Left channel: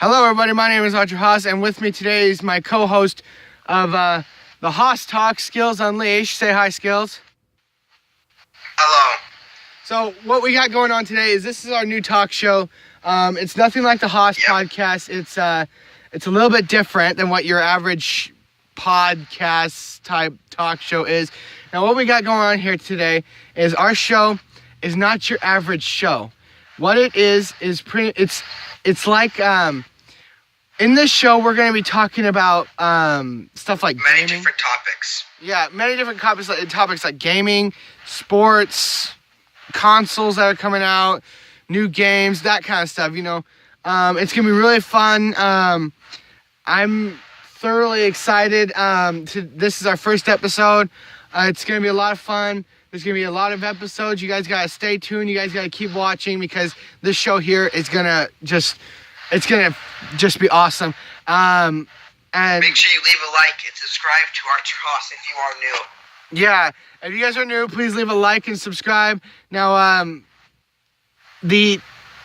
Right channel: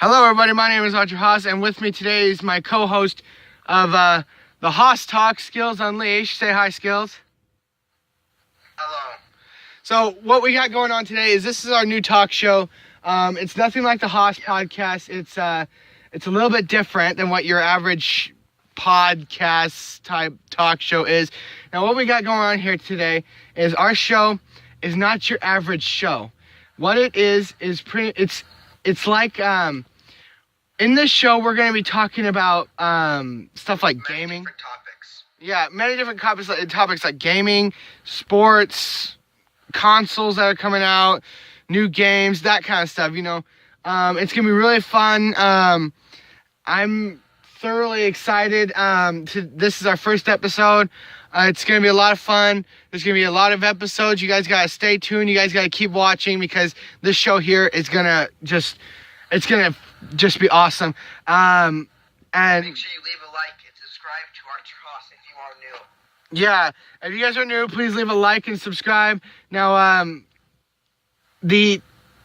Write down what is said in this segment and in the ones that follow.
Hello, everybody. My name is Haas, and with me today is my co-host of the Haas Talk, Skills Unleashed. Say hi, Skills. Hello. So what we got going on today is this is our new talk show. It's nothing like the Haas podcast. It's a little bit different than what your average podcast type talk show is. Now, what we got going on here today is our show is not your average show. What it is it's like in this show we're going to be talking about stuff like many gaming. Different topics. Yeah, many different topics like gaming, sports, consoles that are coming out, new games, that kind of stuff, you know. It's going to be really fun. I'm thoroughly excited. This is our first episode. It's going to be a lot of fun. There's going to be a lot of episodes. You guys got to stay tuned. You guys got to keep watching because this show here is going to just be awesome. And make sure you leave a like and subscribe to Archer Haas if you are new. Yeah, if you guys are new, please leave a like and subscribe. Now, the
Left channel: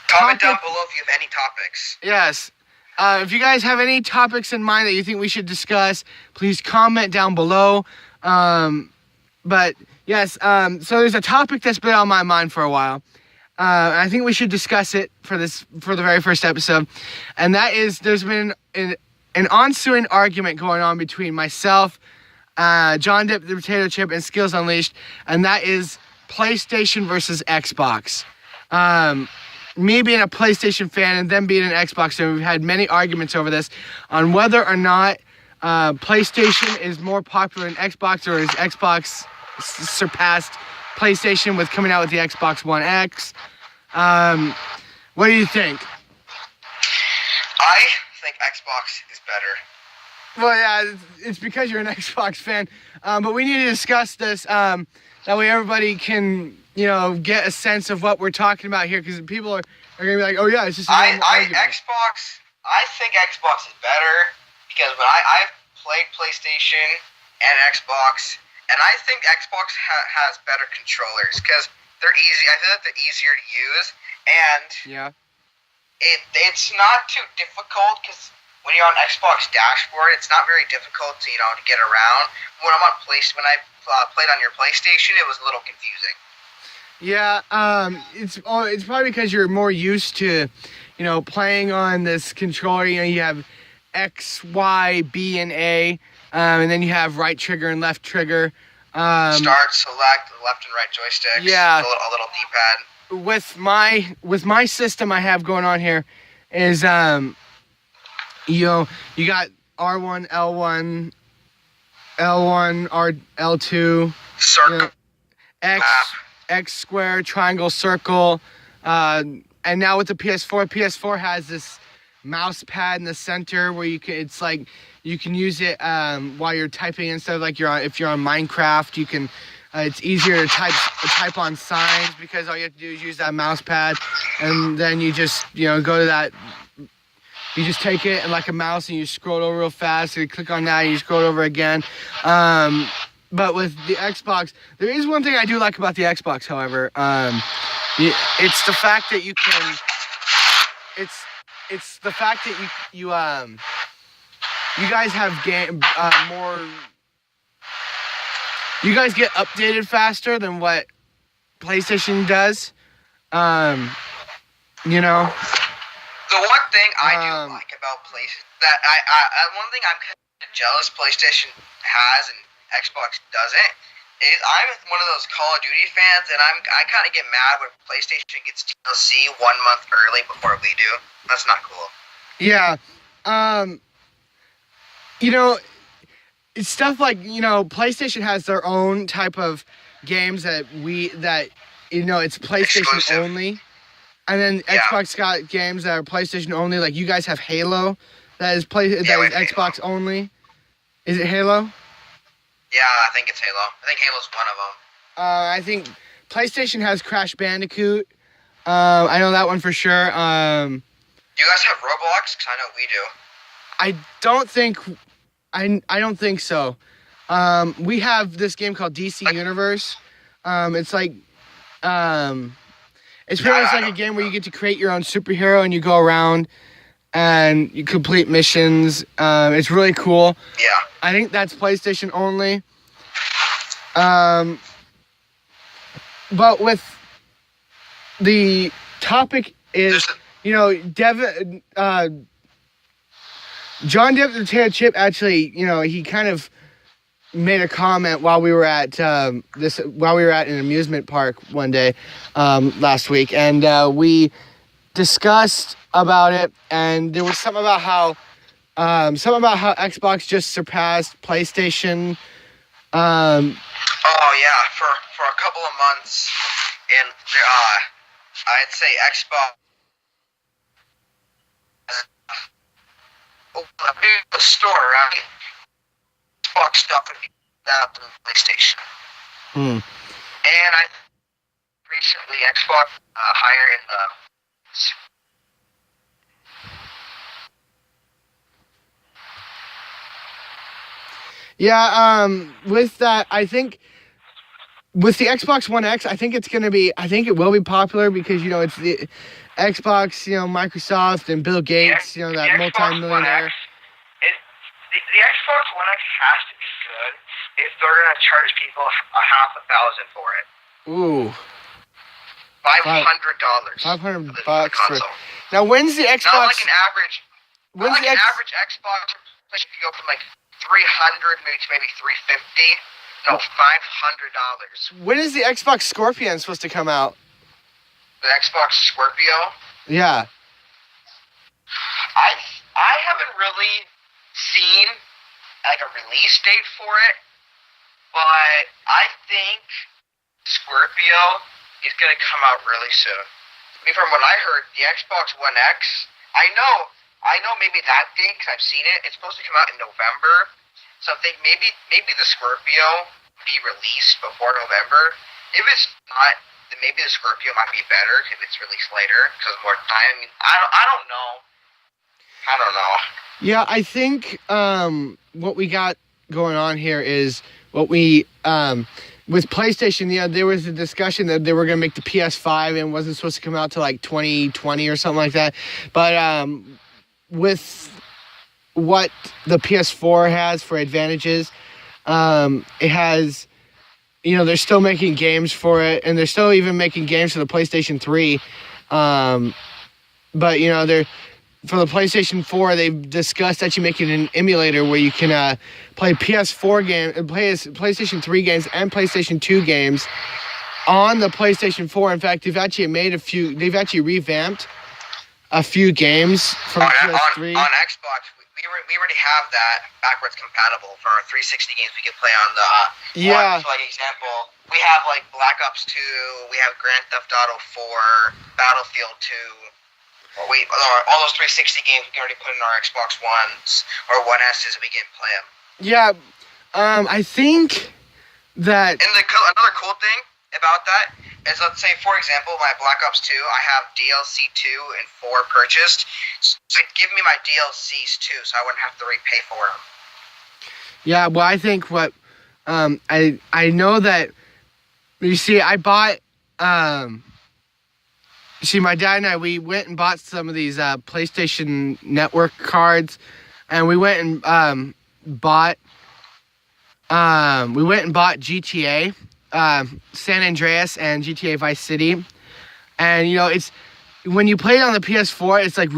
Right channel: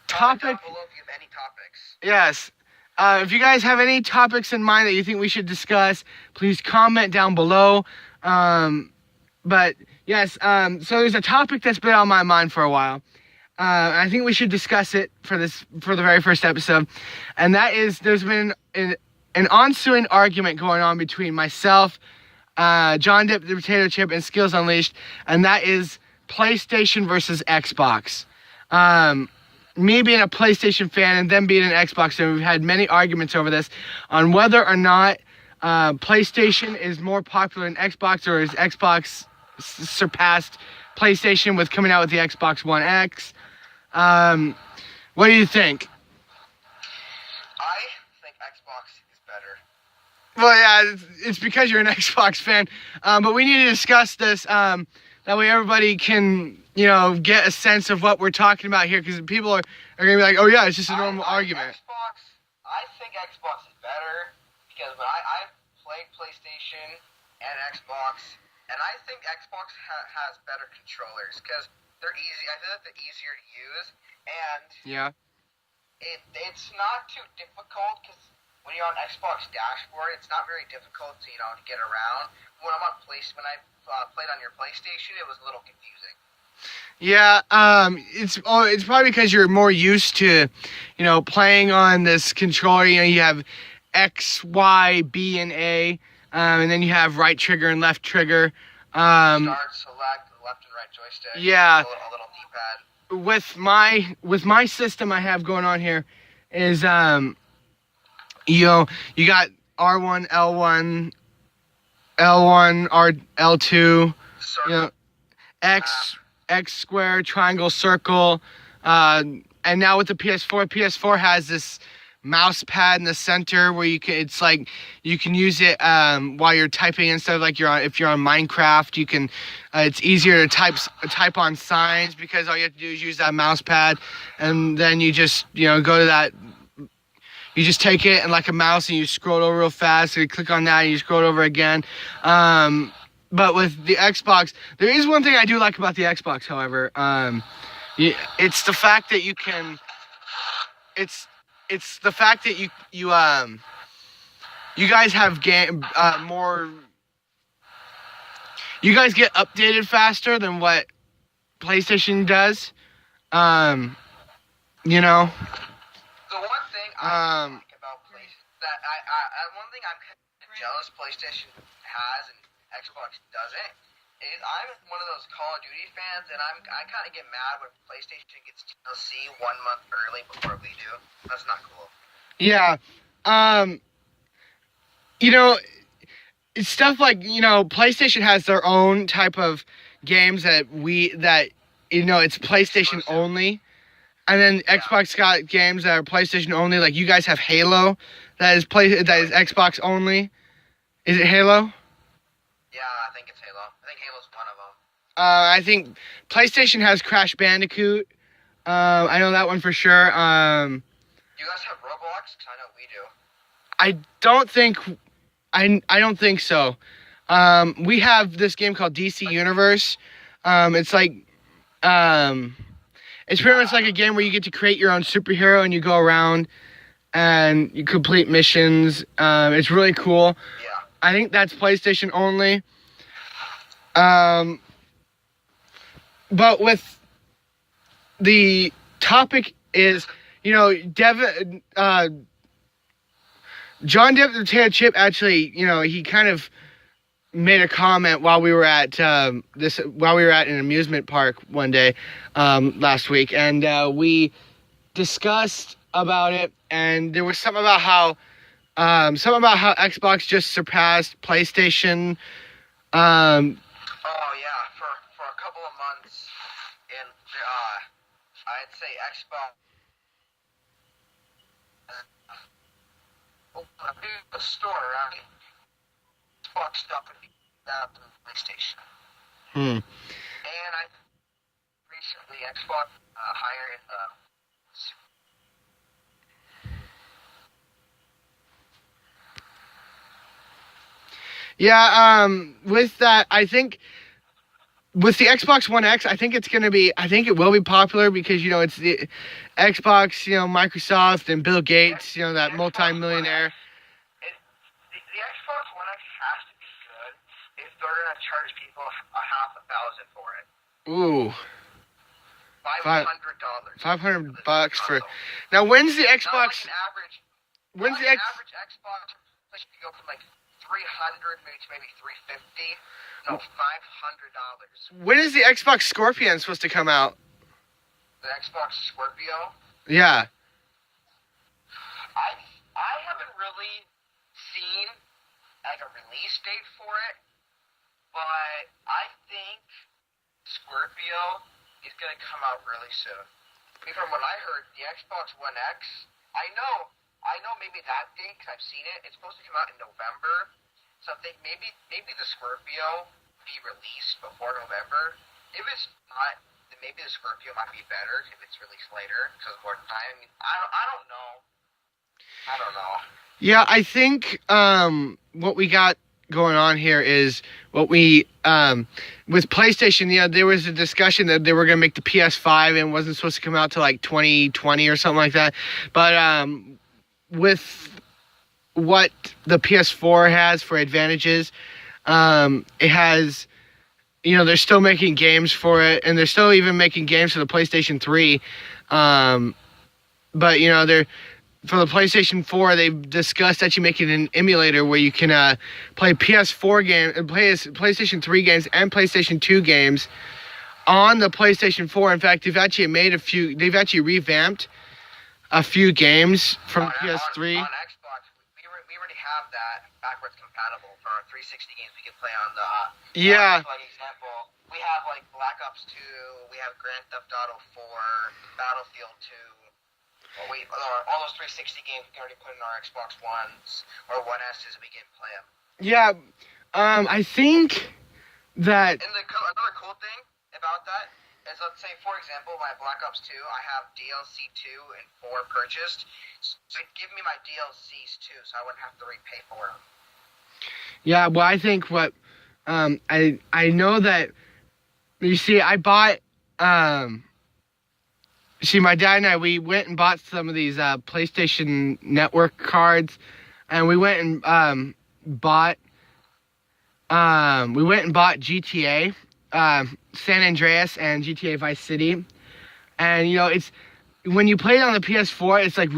comment topic, down below if you have any topics. Yes. If you guys have any topics in mind that you think we should discuss, please comment down below. But yes, so there's a topic that's been on my mind for a while. I think we should discuss it for the very first episode. And that is, there's been an ensuing argument going on between myself, John Dip the Potato Chip, and Skills Unleashed. And that is PlayStation versus Xbox. Me being a PlayStation fan and them being an Xbox fan, we've had many arguments over this on whether or not PlayStation is more popular than Xbox, or is Xbox surpassed PlayStation with coming out with the Xbox One X. What do you think? I think Xbox is better. Well, yeah, it's because you're an Xbox fan. But we need to discuss this. That way everybody can, get a sense of what we're talking about here. Because people are going to be like, oh, yeah, it's just a normal argument. I think Xbox is better because when I've played PlayStation and Xbox, and I think Xbox has better controllers because they're easy. I feel like they're easier to use, and it's not too difficult because when you're on Xbox dashboard, it's not very difficult to get around. When I played on your PlayStation, it was a little confusing. Yeah, it's probably because you're more used to, playing on this controller. You have X, Y, B, and A, and then you have right trigger and left trigger. Start, select, left and right joysticks. Yeah, a little D-pad. With my system I have going on here is you got R1, L1, L2, circle, X square, triangle, circle, and now with the PS4 has this mouse pad in the center where you can use it while you're typing instead of if you're on Minecraft. You can it's easier to type on signs because all you have to do is use that mouse pad, and then you just go to that. You just take it and like a mouse and you scroll over real fast. So you click on that and you scroll over again. But with the Xbox, there is one thing I do like about the Xbox, however. It's the fact that you can. It's the fact that you guys have more. You guys get updated faster than what PlayStation does. The one thing I do like about PlayStation one thing I'm kind of jealous PlayStation has and Xbox doesn't is I'm one of those Call of Duty fans, and I kind of get mad when PlayStation gets DLC 1 month early before we do. That's not cool. Yeah. It's stuff like, PlayStation has their own type of games that it's PlayStation exclusive only. And then Xbox got games that are PlayStation only. Like you guys have Halo that is Xbox Halo only. Is it Halo? Yeah, I think it's Halo. I think Halo's one of them. I think PlayStation has Crash Bandicoot. I know that one for sure. Do you guys have Roblox? Because I know we do. I don't think so. We have this game called DC Universe. It's like It's pretty much like a game where you get to create your own superhero and you go around and you complete missions. It's really cool. Yeah. I think that's PlayStation only. But with the topic is, Devin, John Depp the Potato Chip actually, he kind of made a comment while we were at an amusement park one day last week, and we discussed about it, and there was something about how Xbox just surpassed PlayStation. Oh yeah, for a couple of months, and I'd say Xbox. The store, right? Xbox stuff would be that than PlayStation. And I recently Xbox higher in the. Yeah, with that, I think with the Xbox One X, I think it will be popular because, it's the Xbox, Microsoft and Bill Gates, that multi-millionaire. The Xbox One X has to be good if they're going to charge people $500 for it. Ooh. $500. $500 for. Now, when's the Xbox? Not like an average. Average Xbox, if you go from like 300 maybe 350. No, $500. When is the Xbox Scorpion supposed to come out? The Xbox Scorpio? Yeah. I haven't really seen like a release date for it, but I think Scorpio is gonna come out really soon. I mean, from what I heard, the Xbox One X, I know maybe that date because I've seen it. It's supposed to come out in November, so I think maybe the Scorpio be released before November. If it's not, then maybe the Scorpio might be better if it's released later because more time. I mean, I don't know. Yeah, I think what we got going on here is what we with PlayStation. There was a discussion that they were going to make the PS5 and it wasn't supposed to come out till like 2020 or something like that. But with what the PS4 has for advantages, it has, they're still making games for it, and they're still even making games for the PlayStation 3. But they're for the PlayStation 4, they've discussed actually making an emulator where you can play PS4 PlayStation 3 games and PlayStation 2 games on the PlayStation 4. In fact, they've actually revamped a few games from PS3. On Xbox, we already have that backwards compatible for our 360 games we can play on the. Yeah. For like example, we have like Black Ops 2, we have Grand Theft Auto 4, Battlefield 2. All those 360 games we can already put in our Xbox Ones or One S's and we can play them. Yeah, I think that. And another cool thing about that is, let's say, for example, my Black Ops 2, I have DLC 2 and 4 purchased. So it'd give me my DLCs too, so I wouldn't have to repay for them. Yeah, well, I think what I know that, you see, I bought. My dad and I, we went and bought some of these PlayStation Network cards, and we went and bought GTA, San Andreas, and GTA Vice City. And it's when you play it on the PS4, it's like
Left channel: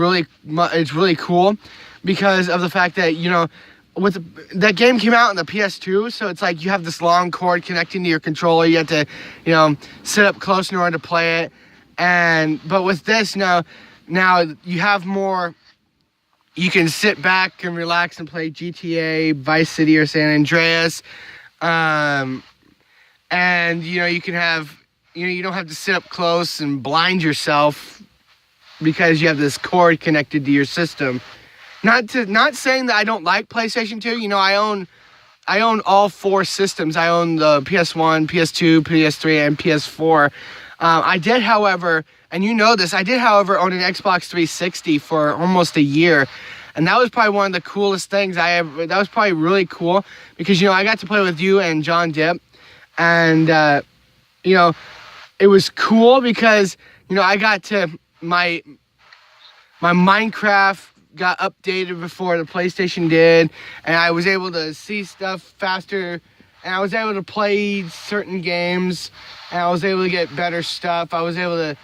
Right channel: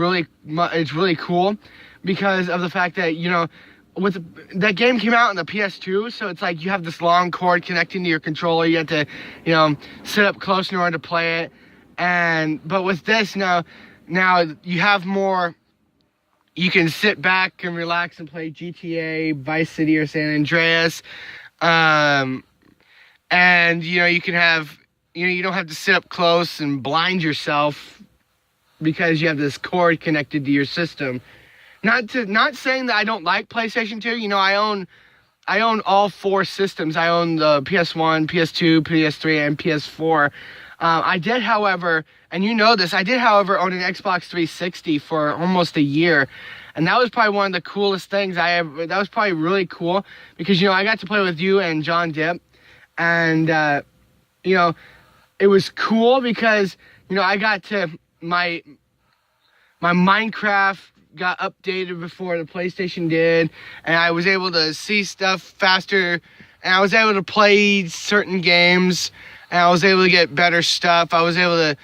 it's really cool because of the fact that that game came out on the PS2, so it's like you have this long cord connecting to your controller. You have to sit up close in order to play it. But with this now you have more. You can sit back and relax and play GTA, Vice City, or San Andreas, and you can have you don't have to sit up close and blind yourself because you have this cord connected to your system. Not saying that I don't like PlayStation 2. I own all 4 systems. I own the PS1, PS2, PS3, and PS4. I did, however, and this, I did, however, own an Xbox 360 for almost a year. And that was probably one of the coolest things that was probably really cool because, I got to play with you and John Depp. And, it was cool because, I got to, my Minecraft got updated before the PlayStation did, and I was able to see stuff faster, and I was able to play certain games, and I was able to get better stuff. I was able to,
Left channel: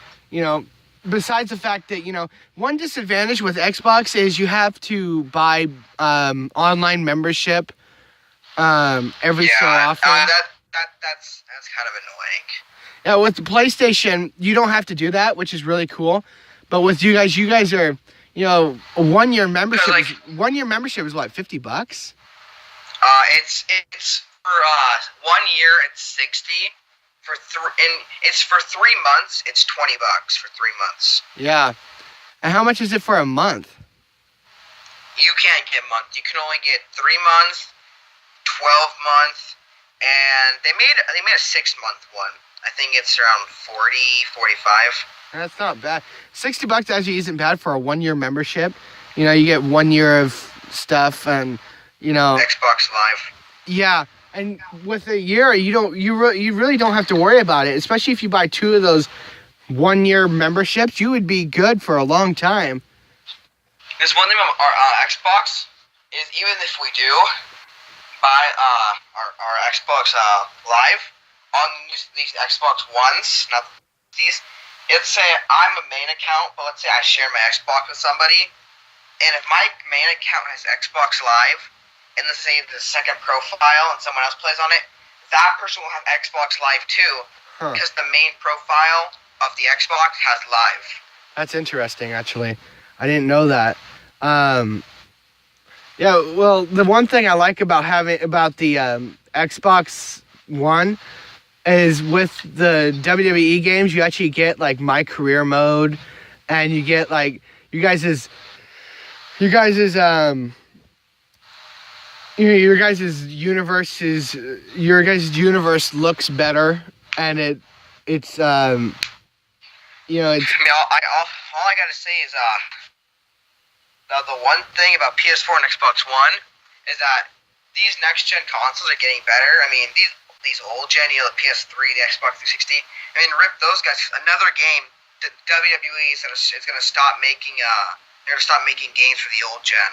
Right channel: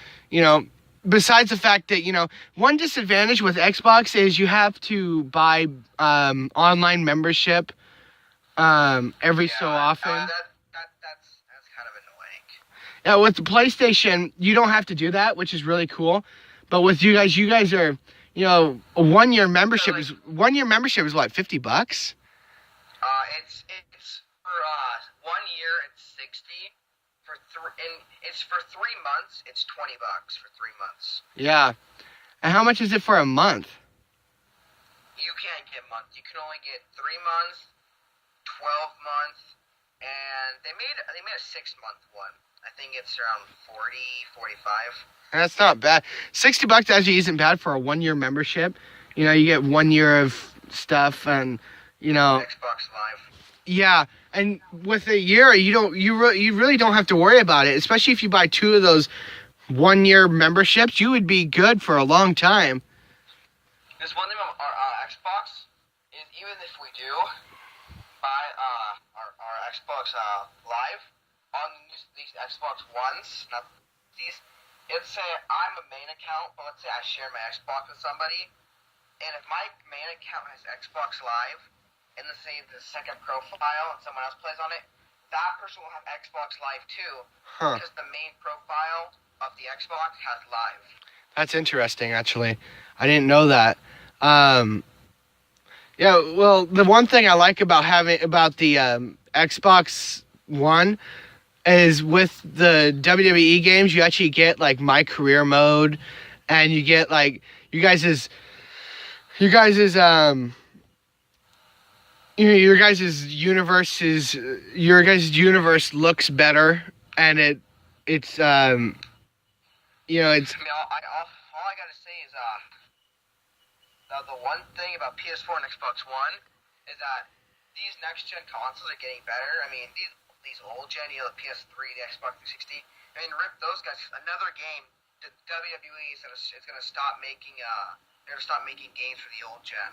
besides the fact that, one disadvantage with Xbox is you have to buy online membership every so often. That's kind of annoying. Yeah, with the PlayStation, you don't have to do that, which is really cool. But with you guys are, a 1 year membership. Like, 1 year membership is what, $50? It's for 1 year it's 60. It's for 3 months. It's $20 for 3 months. Yeah, and how much is it for a month? You can't get month. You can only get 3 months, 12 months, and they made a 6 month one. I think it's around 40, 45. And that's not bad. $60 actually isn't bad for a 1 year membership. You get 1 year of stuff, and Xbox Live. Yeah, and with a year, you really don't have to worry about it. Especially if you buy 2 of those 1 year memberships, you would be good for a long time. There's one thing about our Xbox is even if we do buy our Xbox Live on these Xbox Ones, not these. Let's say I'm a main account, but let's say I share my Xbox with somebody, and if my main account has Xbox Live, and let's say the second profile and someone else plays on it, that person will have Xbox Live too, because the main profile of the Xbox has Live. That's interesting, actually. I didn't know that. Yeah, well, the one thing I like about the Xbox One is with the WWE games, you actually get like My Career mode, and you get like your guys' universe looks better, and it's all I gotta say is the one thing about PS4 and Xbox One is that these next gen consoles are getting better. I mean, these old gen, the PS3, the Xbox 360. I mean, rip those guys. Another game, the WWE is gonna stop making they're gonna stop making games for the old gen.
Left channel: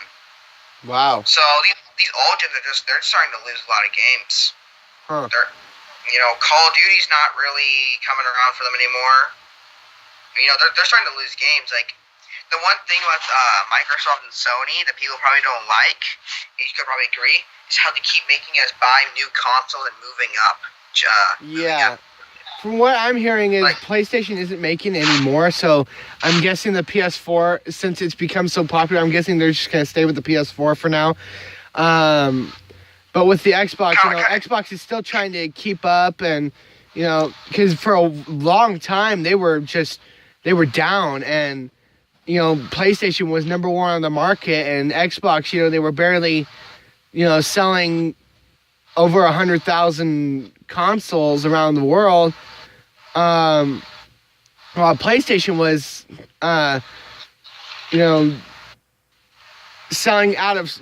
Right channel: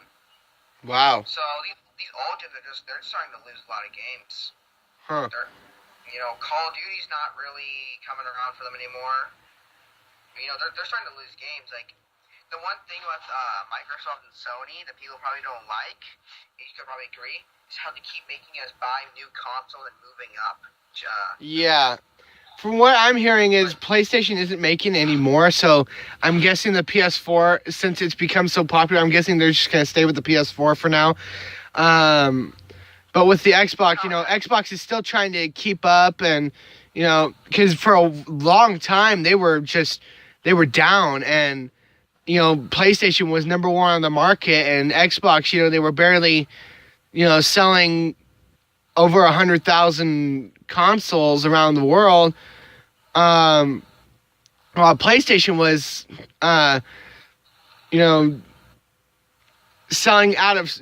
Wow. So these old gens they're starting to lose a lot of games. Call of Duty's not really coming around for them anymore. They're starting to lose games. Like, the one thing with Microsoft and Sony that people probably don't like, you could probably agree, is how they keep making us buy new consoles and moving up. Yeah. From what I'm hearing is PlayStation isn't making anymore, so I'm guessing the PS4, since it's become so popular, I'm guessing they're just going to stay with the PS4 for now. But with the Xbox, Xbox is still trying to keep up, and, because for a long time they were down, and PlayStation was number 1 on the market, and Xbox, they were barely, selling over 100,000 consoles around the world. While PlayStation was, selling out of,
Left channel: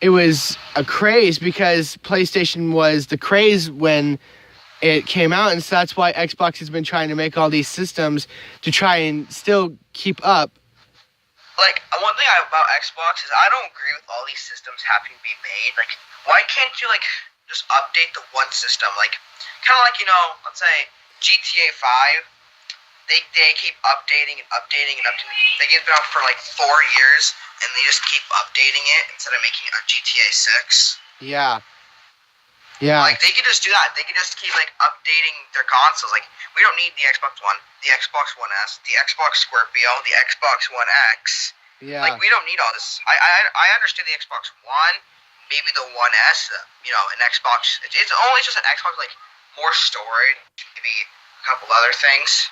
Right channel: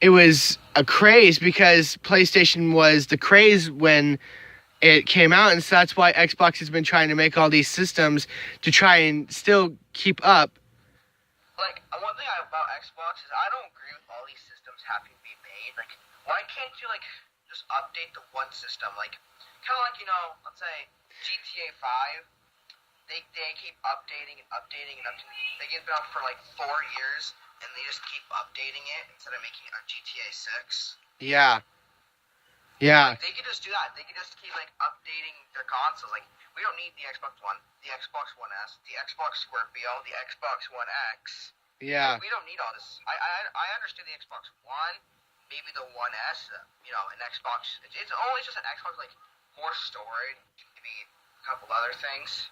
it was a craze because PlayStation was the craze when it came out, and so that's why Xbox has been trying to make all these systems to try and still keep up. Like, one thing about Xbox is I don't agree with all these systems having to be made. Like, why can't you, just update the one system? Like, kind of like, let's say GTA 5, they keep updating and updating and updating. They get been out for, 4 years, and they just keep updating it instead of making a GTA 6. Yeah. Yeah. Like, they could just do that. They could just keep, updating their consoles. Like, we don't need the Xbox One, the Xbox One S, the Xbox Scorpio, the Xbox One X. Yeah. Like, we don't need all this. I understand the Xbox One, maybe the One S, an Xbox. It's only just an Xbox, more storage, maybe a couple other things.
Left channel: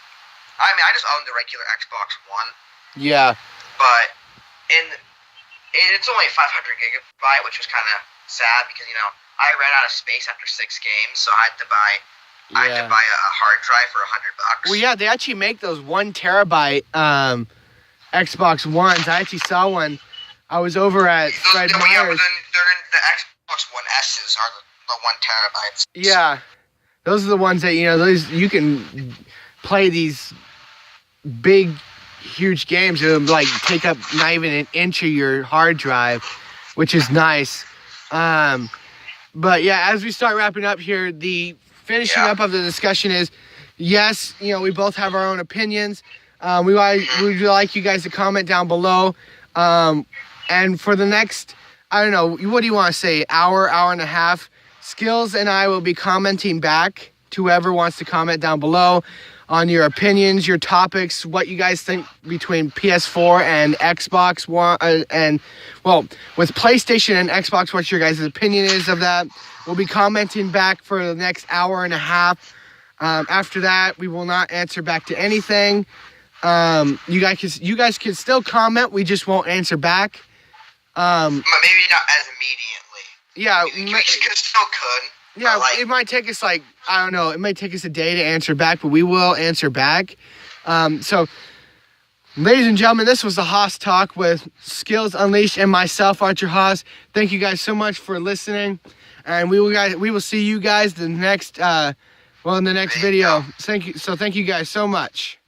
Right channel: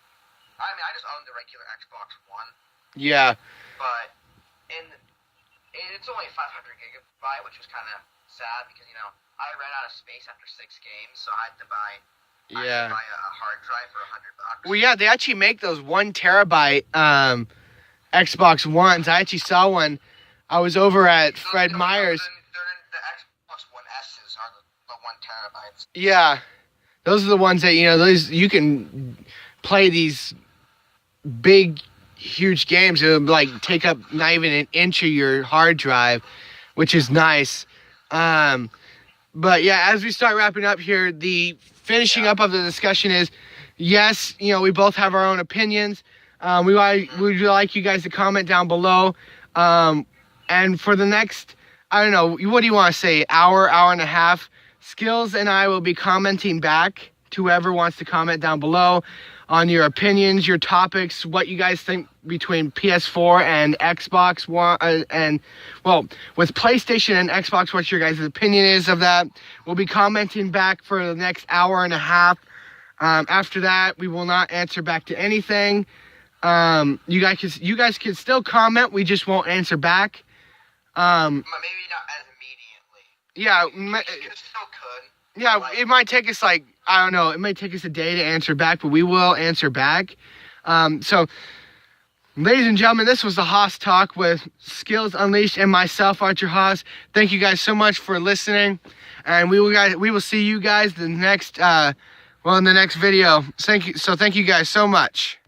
I mean, I just own the regular Xbox One. Yeah. But it's only 500 gigabyte, which was kind of sad because, I ran out of space after 6 games, so I had to buy a hard drive for $100. Well, yeah, they actually make those 1 terabyte Xbox Ones. I actually saw one. I was over at Fred Meyer's. The Xbox One S's are the 1 terabytes. Yeah, those are the ones that those you can play these big huge games. It'll like take up not even an inch of your hard drive, which is nice. But yeah, as we start wrapping up here, the finishing up of the discussion is, yes, you know, we both have our own opinions. We'd like you guys to comment down below. And for the next, I don't know, what do you want to say, hour and a half, Skills and I will be commenting back to whoever wants to comment down below on your opinions, your topics, what you guys think between PS4 and Xbox One, and well, with PlayStation and Xbox, what your guys' opinion is of that. We'll be commenting back for the next hour and a half. After that, we will not answer back to anything. You guys can still comment. We just won't answer back. Maybe not as immediately. Yeah, we still could. Yeah, like, it might take us like, I don't know, it might take us a day to answer back, but we will answer back. So, ladies and gentlemen, this was the Haas Talk with Skills Unleashed and myself, Archer Haas. Thank you guys so much for listening, and we will see you guys in the next video. Thank you guys so much.